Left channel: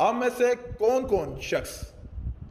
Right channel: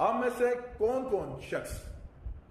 आप में से कौन कौन शख्स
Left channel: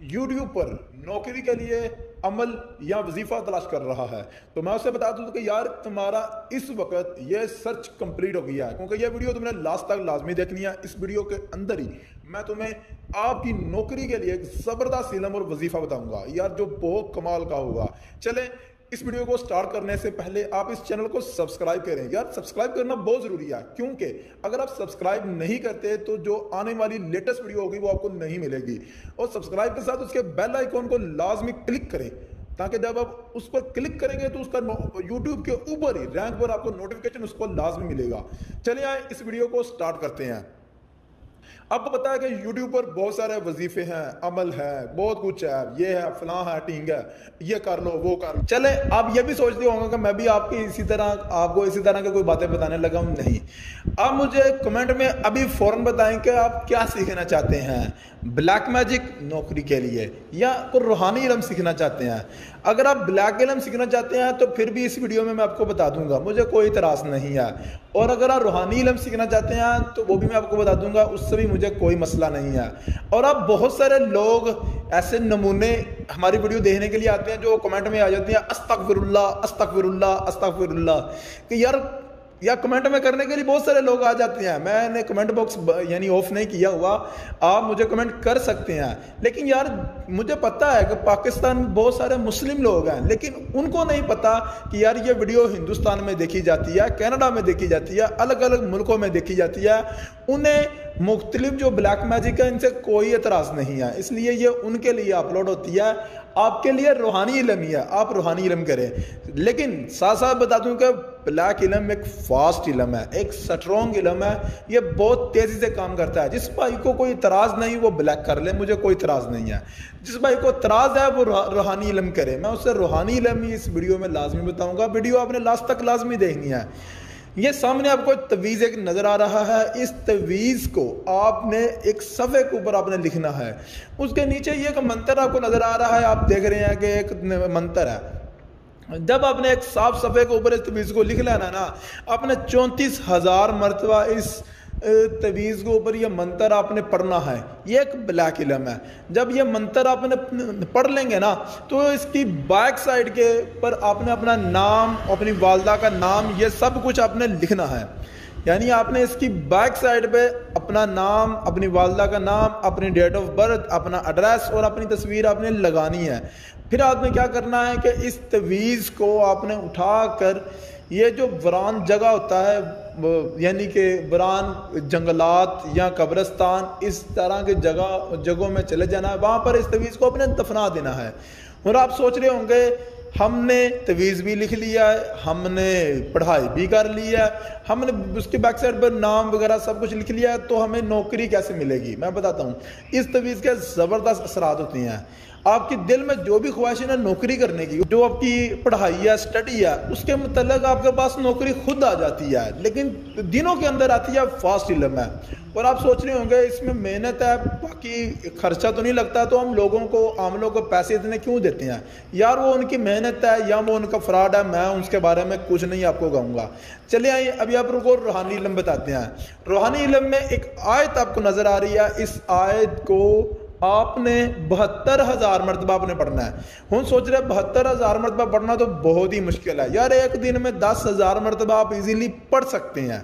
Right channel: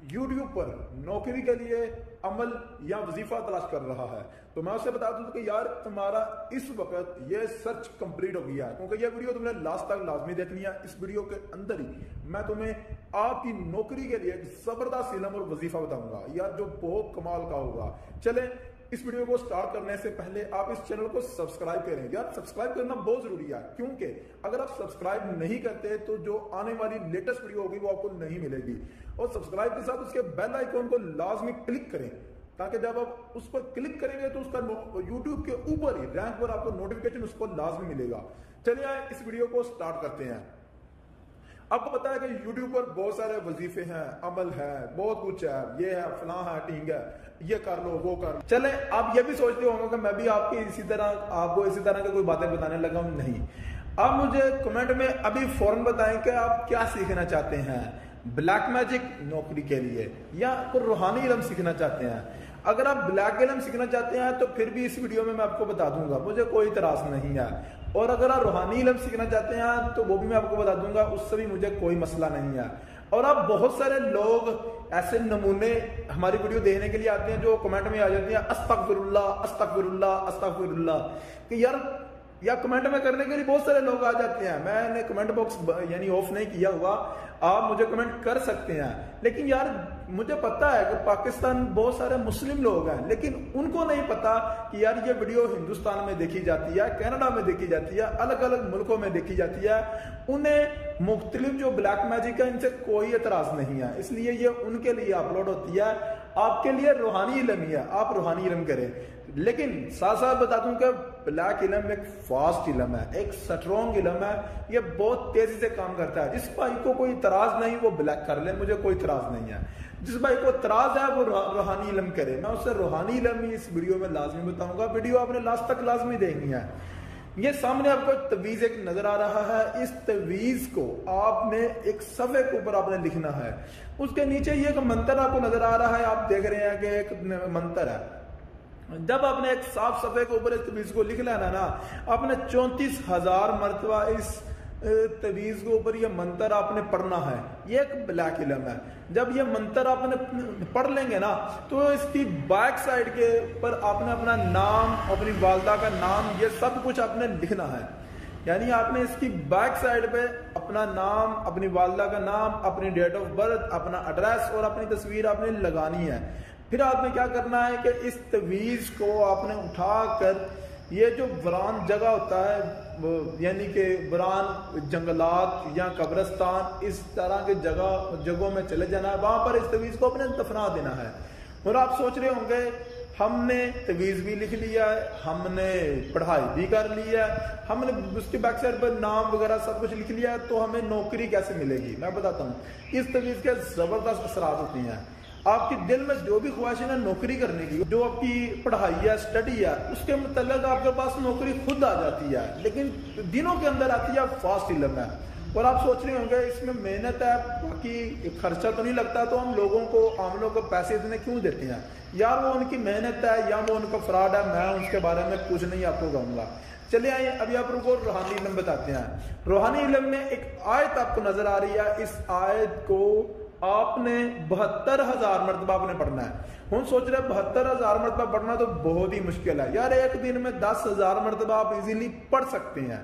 यूट्यूब पर नौकरी के लिए अमल या वजीफा तलाश कर रहा है? तो मैं उससे बता दूं कि यार तुम्हारा इस वक्त ये सर्च कंप्लीट हो गया है, क्योंकि ये वीडियो तुमने लास्ट तक लाजमी देखनी है। इस वीडियो के अंदर ही मैं तुम्हें आपकी नौकरी के लिए एक जबरदस्त इल्म और वजीफा बताऊंगा यार, जो बहुत कमाल का होगा। चले इस वीडियो को स्टार्ट करने से पहले आप इस चैनल को सब्सक्राइब करें यार, सब्सक्राइब करना बहुत जरूरी है, क्योंकि अगर आप सब्सक्राइब नहीं करते तो जो आने वाली लेटेस्ट वीडियो होगी वो आपको नहीं मिलेगी। और सब्सक्राइब के साथ उसके बेल आइकॉन को लाजमी क्लिक करें, ताकि जब आप उस पर क्लिक करेंगे तो उसका यूट्यूब के ऊपर ही रैंक पर आपको नोटिफिकेशन उसको लाजमी मिलेगा। चलिए आए इस वीडियो को स्टार्ट करते हैं। आपको पता है कि YouTube पर बहुत सारे वजीफे हैं, अमल है, बहुत कुछ है, ये है, फलां है, टींग है, ये कर लो, वो कर लो। चले आप ये भी सोचते होंगे कि मैं भी आपकी आपको इसी तरह की कोई बातें बताने लगा हूं। नहीं, आप मुझे कमेंट में अभी फौरन बताएं कि आप क्या सीखना चाहते हैं, ब्लैक मैजिक नौकरी के लिए या कोई रूहानी इल्म सीखना चाहते हैं। अगर आप ब्लैक इल्म सीखना चाहते हैं तो फिर भी इस वीडियो में मैं आपको बता दूंगा, मुझे कोई इतराज नहीं है। और अगर आप रूहानी इल्म सीखना चाहते हैं तो वो भी मैं आपको बता दूंगा, उससे भी मुझे कोई मसला नहीं है। और अब बहुत सारे लोग ऐसे नमूने हमारी वीडियो देखने के लिए आते हैं जो कमेंट में आ जाते हैं अस्तगफिरुल्लाह अस्तगफिरुल्लाह अस्तगफिरुल्लाह, कि या कमेंट में करने के लिए बहुत सारे लोग आ जाते हैं। मैंने कमेंट बॉक्स यानी ऑफ नहीं किया हुआ, आप मुझे कमेंट कर सकते हैं। लेकिन यार मुझे पता है कि पाकिस्तान बहुत सारे मुस्लिम लोग हैं, लेकिन उनको नहीं पता कि यार ये वीडियो हिंदुस्तान में देखी जाती है, कनाडा में देखी जाती है, अलग अलग मुल्कों में देखी जाती है। उन्हें मुख्तलिफ जो ब्लैक मैजिक है इनसे कोई एतराज़ नहीं है, इसलिए ये उनके लिए अपलोड होती है। आपके लिए रूहानी इल्म ही है, आप रूहानी इल्म करें। लेकिन साथ साथ बता दूं कि ब्लैक इल्म एक फास्ट इल्म है, एक स्ट्रॉन्ग इल्म है, ये बहुत तेजी से काम करता है। जिस भाई को कोई इतराज नहीं वो ब्लैक कर ले, मुझे कोई इतराज नहीं है। जिस भाई को इतराज है वो रूहानी इल्म करे, मैं उससे रूहानी इल्म ही इस वीडियो में लाजमी बताऊंगा। वीडियो आपने लास्ट तक लाजमी देखनी है। ये सामने आपको तवीज़ एक नजर आ रहा है, इस तवीज़ को आपने एक सफ़े के ऊपर आपने लिखना है। उसके नीचे ये एक मंत्र आपको नजर आ रहा है, आप देख रहे हैं कि एक मंत्र है। जब आपने एक साफ सफ़े के ऊपर इस तवीज़ को लिख लेना ना, आपने 34,000 मरतबा इस तवीज़ के ऊपर ये मंत्र आपने पढ़ना है। ये एक ब्लैक इल्म है। जब ये मंत्र आपने पढ़ लेंगे ना तो इसकी बैक साइड के पर आपने अपना नाम, अपनी वालदा का नाम, ये सब कुछ आपने लिखना है। यानी आपने इसकी बैक साइड पे अपना नाम, अपनी वालदा का नाम, अपनी डेट ऑफ बर्थ, अपना एड्रेस और अपनी तस्वीर आपने लगानी है। फिर आपने क्या करना है कि इस तवीज़ को आपने उठा कर ये जो वीरान जगह होता है, यानी कि वीरान जंगलात या कब्रिस्तान, इस तरह के जगहों में चले जाना है, वहाँ पर इस तवीज़ को अपने दफना देना है। और आप सोच रहे होंगे हमने तवीज़ भी लिख लिया है, हमने पढ़ाई भी कर ली है, हमने उसके बैक साइड पर नाम वगैरह सब कुछ लिख लिया है, तो हमें नौकरी कैसे मिलेगी? मैं बताता हूँ। इस तवीज़ के ज़बरदस्त असरात होते हैं। आपके दिल में जो भी ख्वाहिश है ना नौकरी करने की, जो आपकी पढ़ाई है, स्टडी है, उसके मतलब आपके पास नौकरी खुद आ जाती है, लेकिन दिनों के अंदर आती है। फास्ट इल्म है। और आप सोच रहे होंगे इसमें मेहनत है, बाकी खर्चा तो नहीं लगता, तो हम लोगों को, आम लोगों को पैसे इतने क्यों देते हैं? यार वो उनकी मेहनत है या वो उनका फ्रॉड है, मैं उसके बारे में कुछ नहीं आपको कहूँगा। चलिए आइए अभी आप लोगों को रूहानी इल्म बताते हैं। रूहानी इल्म में एक आयत आपको नजर आ रही है, इस आयत को आपने 72,000 मरतबा आपने पढ़ना है। हम सोच रहे 72,000 मरतबा पढ़ना तो बहुत ही मुश्किल है यार। एक दिन में 10,000 मरतबा आप इजीली पढ़ सकते हैं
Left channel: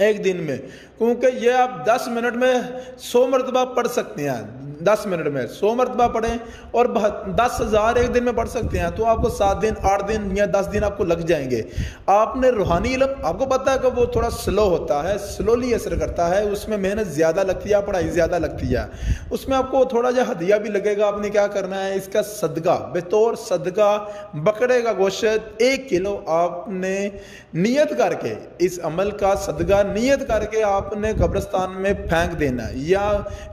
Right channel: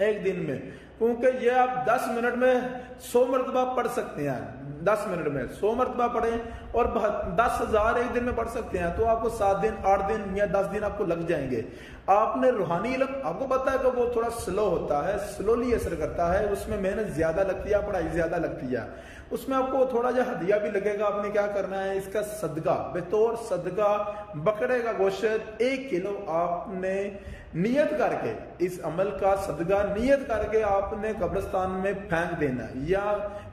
एक दिन में, क्योंकि ये आप 10 मिनट में 100 मरतबा पढ़ सकते हैं। 10 मिनट में 100 मरतबा पढ़ें और 10,000 एक दिन में पढ़ सकते हैं, तो आपको 7 दिन, 8 दिन या 10 दिन आपको लग जाएंगे। आपने रूहानी इल्म, आपको पता है कि वो थोड़ा स्लो होता है, स्लोली असर करता है, उसमें मेहनत ज़्यादा लगती है, पढ़ाई ज़्यादा लगती है। उसमें आपको थोड़ा जो हदिया भी लगेगा। आपने क्या करना है, इसका सदका, बतौर सदका बकरे का गोश्त 1 किलो आपने नियत करके, इस अमल का सदका नियत करके आपने कब्रिस्तान में फेंक देना या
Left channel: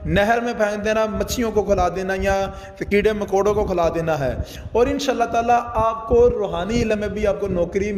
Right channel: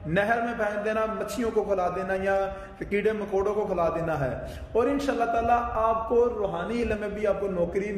नहर में फेंक देना, मच्छियों को खिला देना या कीड़े मकोड़ों को खिला देना है। और इंशाअल्लाह ताला आपको रूहानी इल्म में भी आपको नौकरी